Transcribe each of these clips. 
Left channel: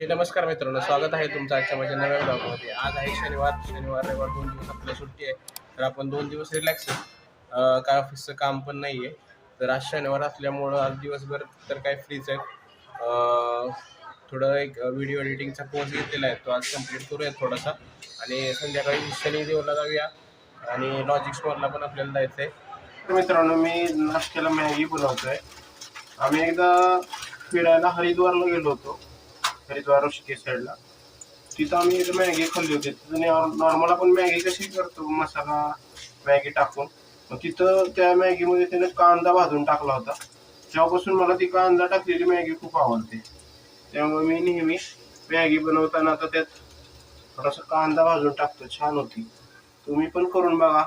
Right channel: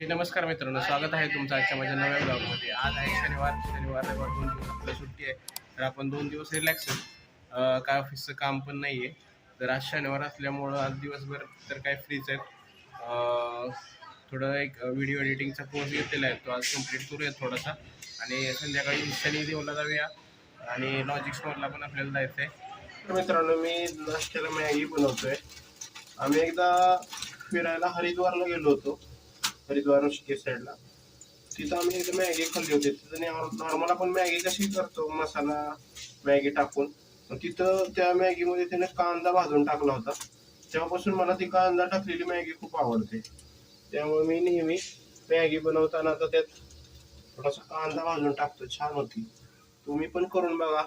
नमस्कार मित्रांनो, स्वागत आहे तुमचं आजच्या माझ्या नव्या ब्लॉगमध्ये. आज आहे शनिवार रविवार 2 दिवस आपल्याला सुट्टी आहे. तर आपण 2 दिवस रिलॅक्स आहे. काय ऑफिसचं काम पण नाही आहे. तर आज शनिवार असल्यामुळं आज दिवसभर तर काय फ्रीच आहेत. थोडं एक व्हिडिओ एडिटिंगचा कोर्स घेतलेला आहे, तो आज कंप्लीट करूया थोडासा. आणि संध्याकाळी शनिदेवला जाऊया आणि लॉजिक्स मॉलला पण आपल्याला जायचं आहे. तर मित्रांनो, मी नाश्त्याला मॅगी बनवतोय. आम्ही एकदा फिरायला हरिद्वारला गेलो होतो, हरिद्वार ऋषिकेश साईडला. तिथं आम्ही एक मॅगी खाल्ली होती. तिथं नॉर्मल आपण मॅगी कशी करतो मसाला मॅगी टाकून, तिथं त्या मॅगीमध्ये त्याने कांदा भाजून टाकला होता. तेव्हापासून मला ती कांदा टाकलेली मॅगी खूप आवडते. त्यामुळे मी नेहमी मॅगी बनवताना आता त्यात थोडासा कांदा भाजून टाकतो, छान होती. तुम्ही पण करून बघा,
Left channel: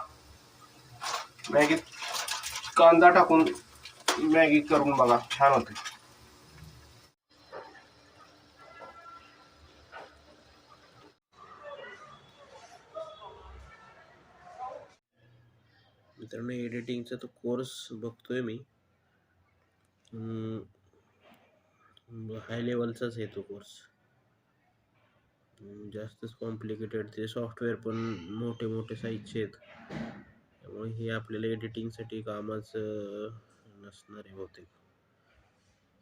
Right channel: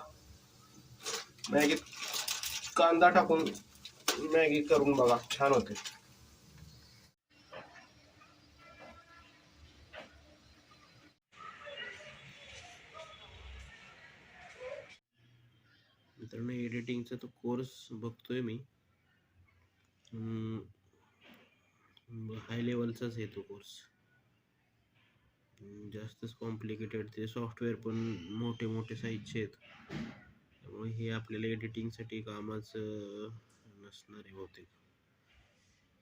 मॅगी कांदा टाकून मॅगी करून बघा, छान होते. मित्रांनो, एडिटिंगचा तो कोर्स बघतोय मी. हाय लेवलचाच आहे तो कोर्स, जास्तच कॉम्प्लिकेटेड. ते सॉफ्टवेअर पण मोठे मोठे साईजचे आहेत, त्यामुळे हे आपल्याला एडिटिंगसाठी कामाच नसणार आहे बहुतेक.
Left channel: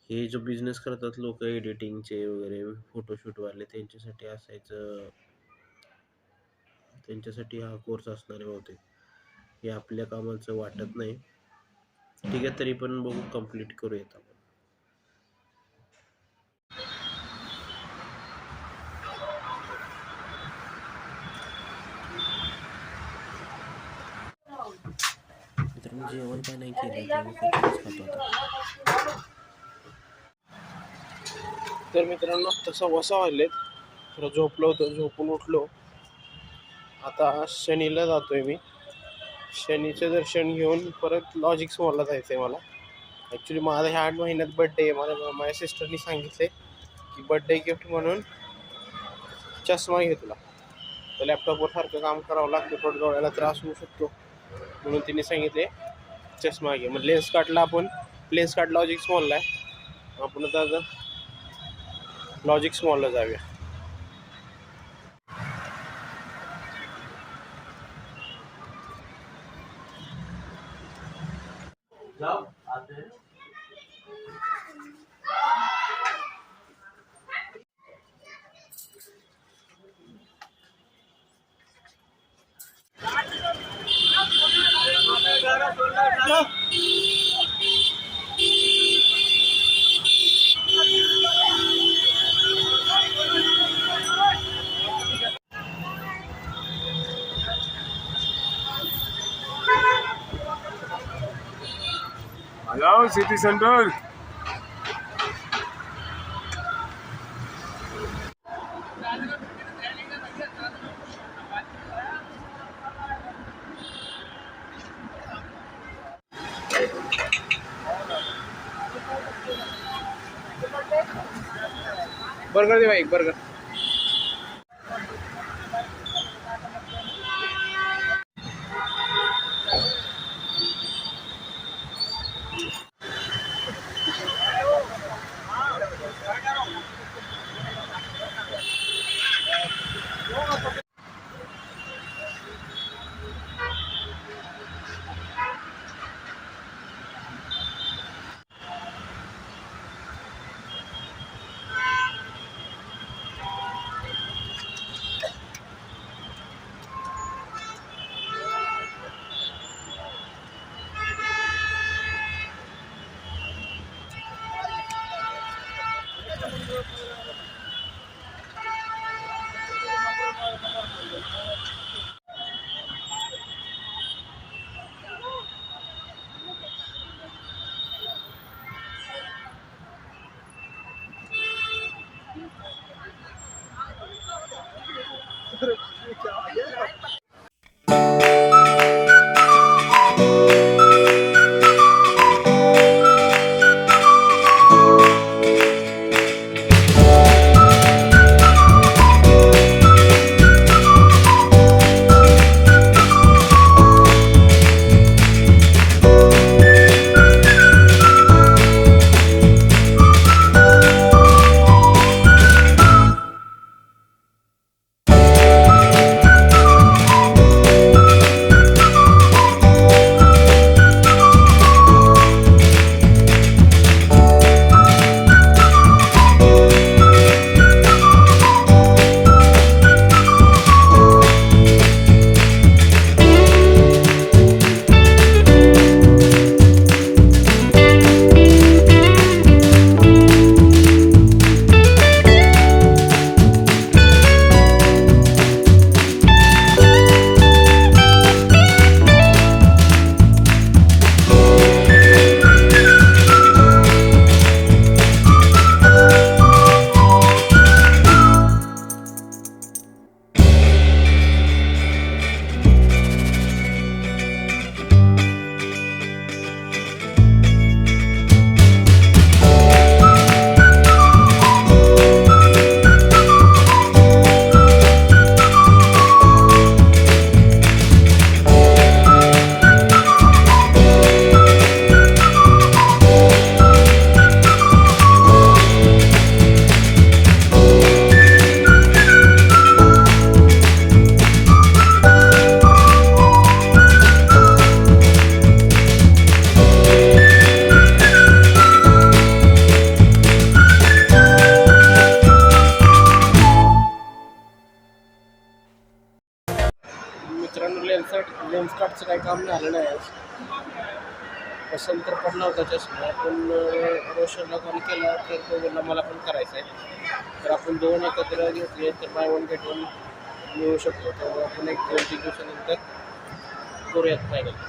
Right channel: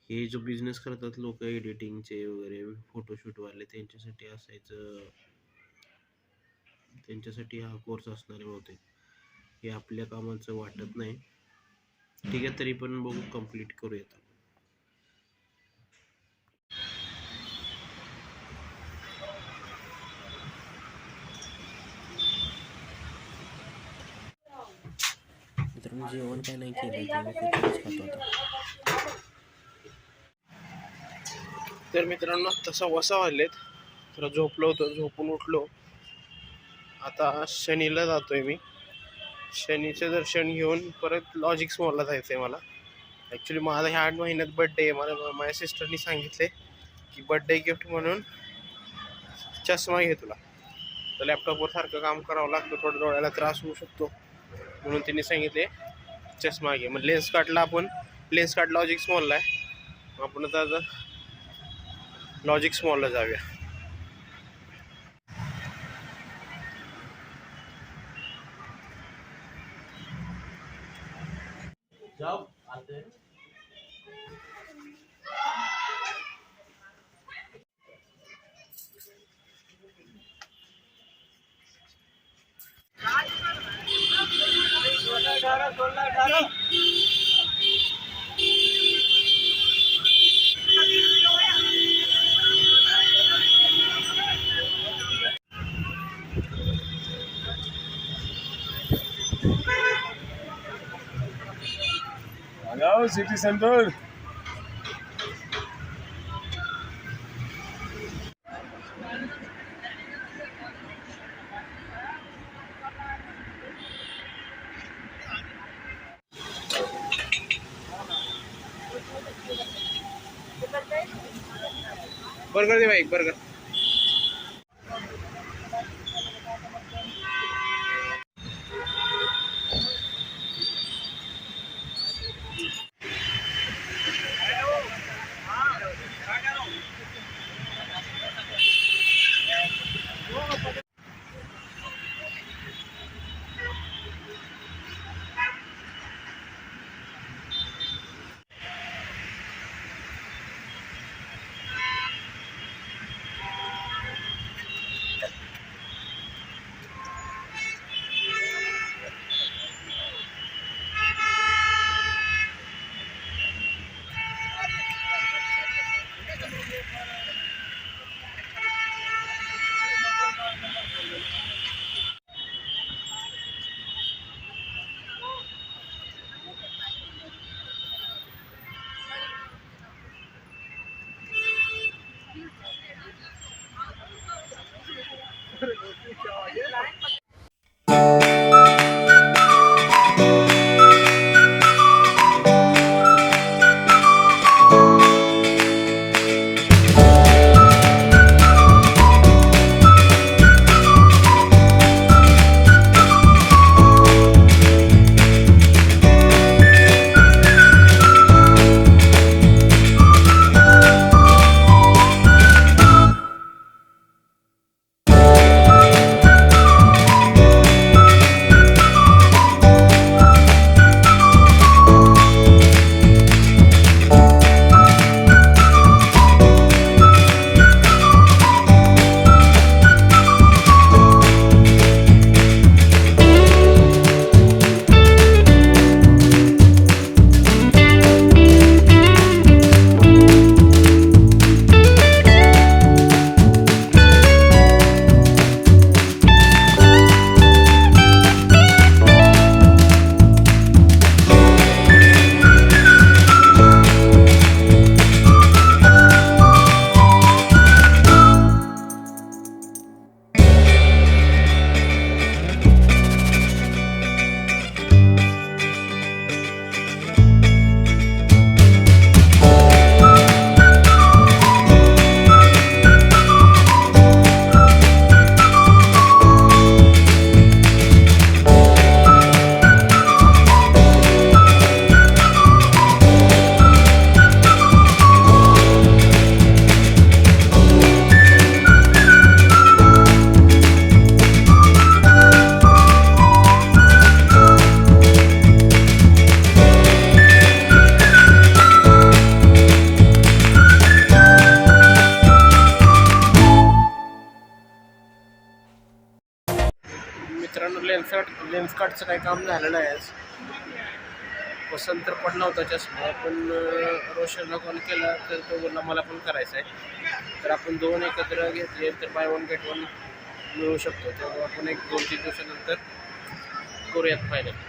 हे जो बिझनेस करतात लोक एडिटिंगचे वगैरे फोटोशूटवाले, त्यांच्यासाठी असायचं, त्यांच्यासाठी हा कोर्स असणार आहे बहुतेक. हे आपल्या कामाचं वाटत नाही. ठीक आहे, तरी पण बघू, कंप्लीट करूयात आपण. मित्रांनो, जेवण काय नाही केलं, जेवण कचोरीच खातो आता. तर मित्रांनो, तसा वसा वाजलेत, तर झोपलो होतो, झोपून उठलो. आता शनीला जातोय मी. शनीचं दर्शन घेऊन परत लॉजिक्स मॉलला जायचं आहे मला. ॲक्च्युली माझा ह्या 8 महिन्यात बड्डे आहे. माझ्या सिस्टरनी सांगितले की बड्डे गिफ्ट म्हणून चष्मा घे तुला. तर लॅपटॉपवर सारखं काम करावं लागतं, थोडं डोळ्याला त्रास होऊ शकतो, म्हणून तिने सांगितले चष्मा घे. मग लेन्स कार्ड लॉजिक्स मॉलला आहे. आपण आता लॉजिक्स मॉलला जाऊया. Hello, City Center. बर्गर दे भाई, एक बर्गर. लेन्स कार्डचं काही काम झालं नाही आज. पसंत तर पडला होता चष्मा, पण रोशनला कॉल केला तर तो बोलला मला पण करायचं आहे. तर आपण दोन एकत्र घेतले तर बाय वन गेट वन मिळू शकतो. तर आपण एक 2-3 दिवसानंतर करूयात फायनल.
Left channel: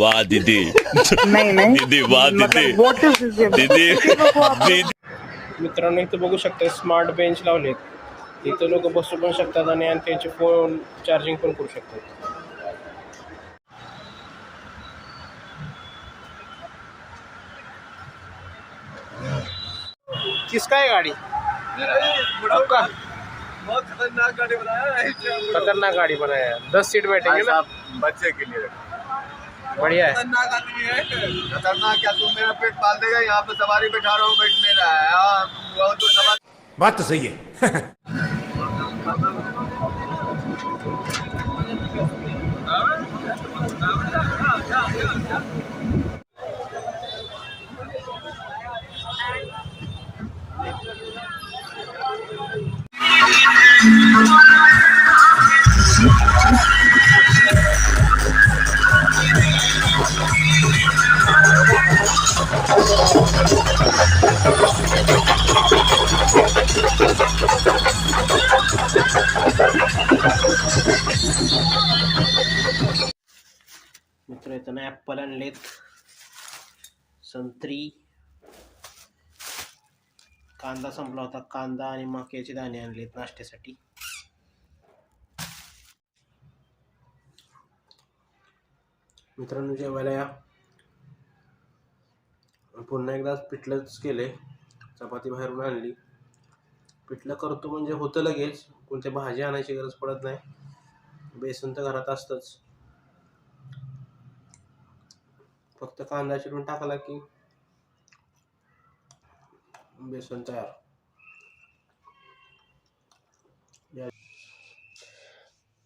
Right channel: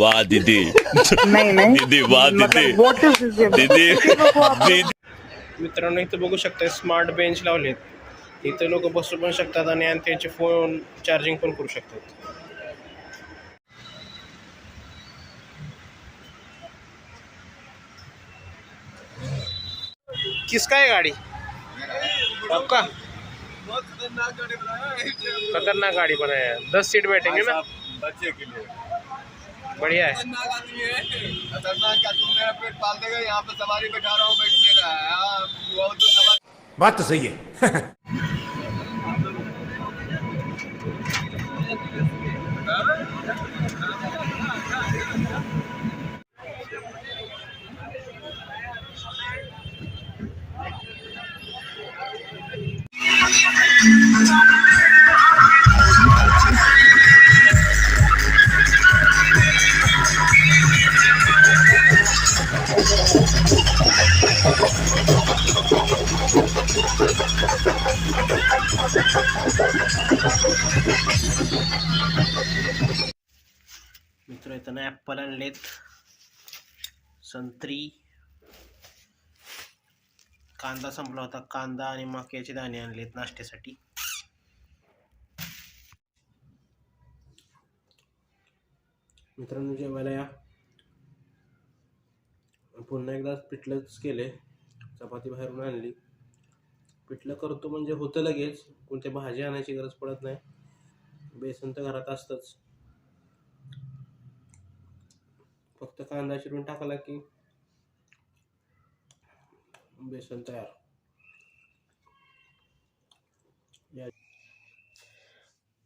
वाह दीदी नहीं नहीं दीदी वाह दीदी मतलब व्हाट इज दिस दीदी दीदी मित्रांनो इथं बघू शकता स्मार्ट बेंच लावलेत. इथं लोक बसू पण शकतात आणि त्यांचे फोन चार्जिंग पण करू शकतात. किसका है गाड़ी? आपका? बहुत खतरनाक गाड़ी बनाया है खतरनाक गाड़ी बनाया है. 10 सीट बैठेंगे ना. बच्चे के लिए बढ़िया है. खतरनाक आदमी है. खतरनाक क्या, तू मेरा पेट पाल देगा? यहाँ पे सवारी बैठा रहा हूँ, बैठ नहीं रहा है. हाँ तो सवारी बात तो सही है. मित्र इथं ॲपल आणलेत, संत्री, कांदा संपला होता, कांदा आणि मक्याचे दाणे आणलेत नाश्त्यासाठी. मित्रांनो जेवायला या. पुन्हा एकदा पिठलंच केले, चपाती बाहेरून आणली. पिठलं करतो म्हणजे होतं लगेच, कोणत्या भाजी आणायची गरज पडत नाही. बेसन तर घरात असतंच, फक्त कांदा चिरून टाकला की बेसन तयार.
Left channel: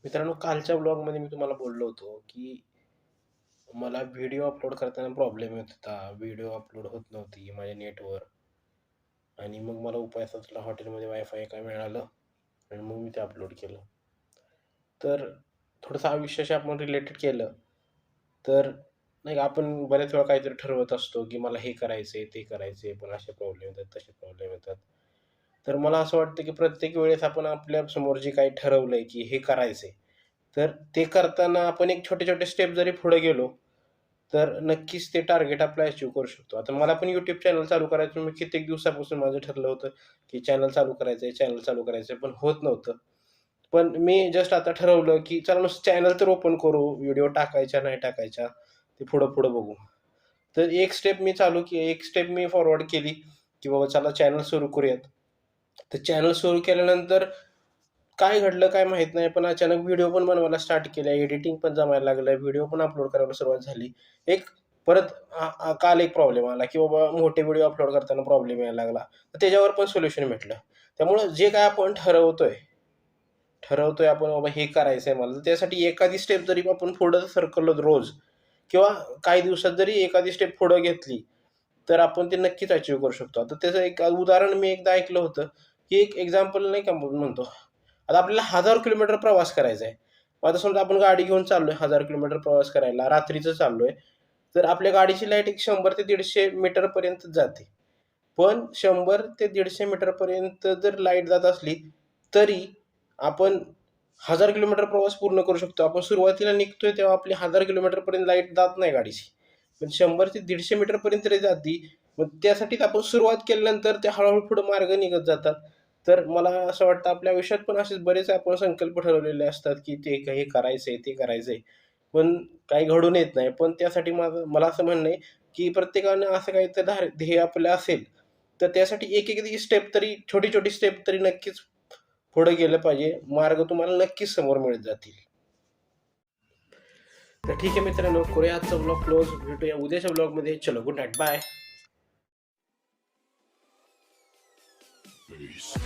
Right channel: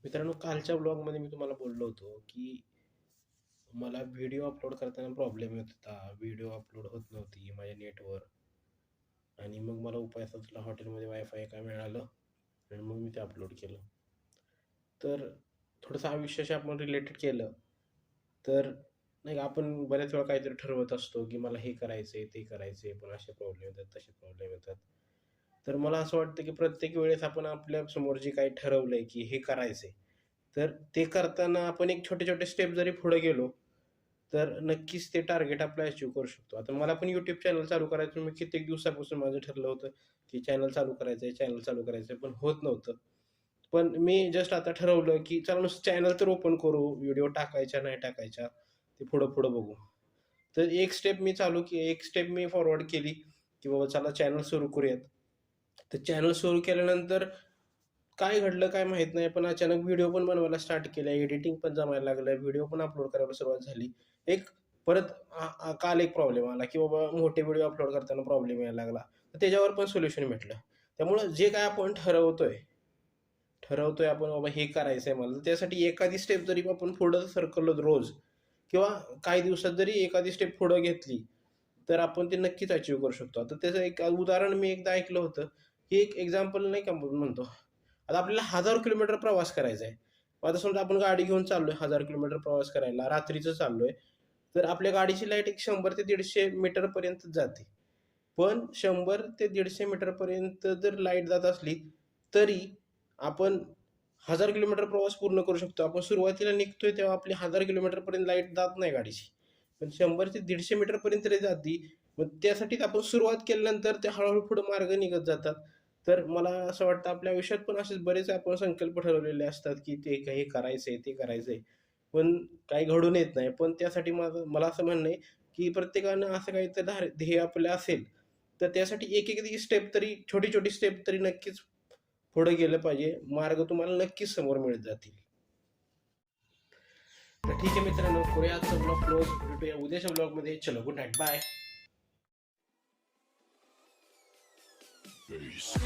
मित्रांनो कालच्या ब्लॉगमध्ये मी तुम्हाला बोललो होतो की मला व्हिडिओ अपलोड करताना प्रॉब्लेम येत होता, व्हिडिओ अपलोड होत नव्हती माझ्या नेटवर. आणि मग मला उपाय सुचला, हॉटेलमध्ये वायफाय काय मिळालं आणि मग मी ते अपलोड केलं. तर थोडंसं आयुष्याशी आपण रिलेटेड केलं तर नाही का आपण बऱ्याच वेळा काहीतरी ठरवत असतो की मला हे करायचं आहे ते करायचं आहे, पण असे प्रॉब्लेम येतात तसे प्रॉब्लेम येतात. तर मला असं वाटतं की प्रत्येक वेळेस आपण आपल्या समोर जे काही ठरवलंय की हे करायचंय, तर ते करताना आपण एक छोटे-छोटे स्टेप जरी पुढे गेलो, तर नक्कीच ते टार्गेट आपलं अचीव्ह करू शकतो. आता मला पण YouTube चॅनल चालू करायचं मी कित्येक दिवसापासून माझं ठरलं होतं, की चॅनल चालू करायचंय, चॅनल चालू करायचंय, पण होत नव्हतं. पण मी जस्ट आता ठरवलं, की चला नुसतं चॅनल तर ओपन करू, व्हिडिओ टाकायच्या, नाही टाकायच्या, ते पुढं-पुढं बघू. तर एक स्टेप मी फॉरवर्ड केली, की बाबा चला चॅनल सुरू करूयात. तर चॅनल सुरू केल्यानंतर काय घडलं काय माहीत नाही, पण अचानक व्हिडिओ पण बनवायला स्टार्ट केल्या, एडिटिंग पण जमायला लागलं, व्हिडिओ पण अपलोड करायला सुरुवात झाली. एक परत काल एक प्रॉब्लेम आला, की बाबा मोठे व्हिडिओ अपलोड करताना प्रॉब्लेम यायला लागला. तर त्याच्यावर पण सोल्युशन भेटलं. त्यामुळं जे काय आपण ठरवतोय आपण बाबा हे करायचंय मला, तर त्यासाठी एखादी स्टेप जरी आपण पुढं सरकलो रोज किंवा काही दिवसात जरी एखादी स्टेप पुढं घेतली, तर आपण ते नक्कीच अचीव्ह करू शकतो. आता त्याचं एक उदाहरण मी एकदा ऐकलं होतं, की एक एक्झाम्पल नाही का म्हणतो, आता आपल्याला 1000 किलोमीटर प्रवास करायचा आहे. मग आता समजा आपण गाडी घेऊन चाललोय 1000 किलोमीटर प्रवास करायला, रात्रीचं चाललोय, तर आपल्या गाडीची लाईट एक 100 ते 150 मीटरपर्यंत जाते. पण 100 ते 150 मीटरपर्यंत जर लाईट जात असली, तरी आपण 1000 किलोमीटर प्रवास पूर्ण करू शकतो. आपण सुरुवातीला निघतोय तेव्हा आपली 1000 किलोमीटरपर्यंत लाईट जात नाही गाडीची. पण 100 ते 150 मीटरपर्यंत तरी जाती. मग त्यासाठीच आपण सुरुवात केल्यानंतर ते हळू पुढे मार्ग निघत जातात. तर मला असं वाटतं आपल्या आयुष्यात पण असेच बरेच आपण संकल्प ठरवलेले असतात, की ते हे करायचंय, ते करायचंय. पण काही घडून येत नाही. पण त्यासाठी मला असं म्हणणं आहे, की प्रत्येकानं असं काहीतरी ध्येय आपलं असेल, तर त्यासाठी एक स्टेप तरी छोटी-छोटी स्टेप तरी नक्कीच पुढे गेलं पाहिजे. मार्ग तुम्हाला नक्कीच समोर मिळत जातील. तर ठीक आहे मित्रांनो, करूया आजचा ब्लॉग क्लोज. भेटूया उद्याच्या ब्लॉगमध्ये. चलो गुड नाईट. बाय. Peace.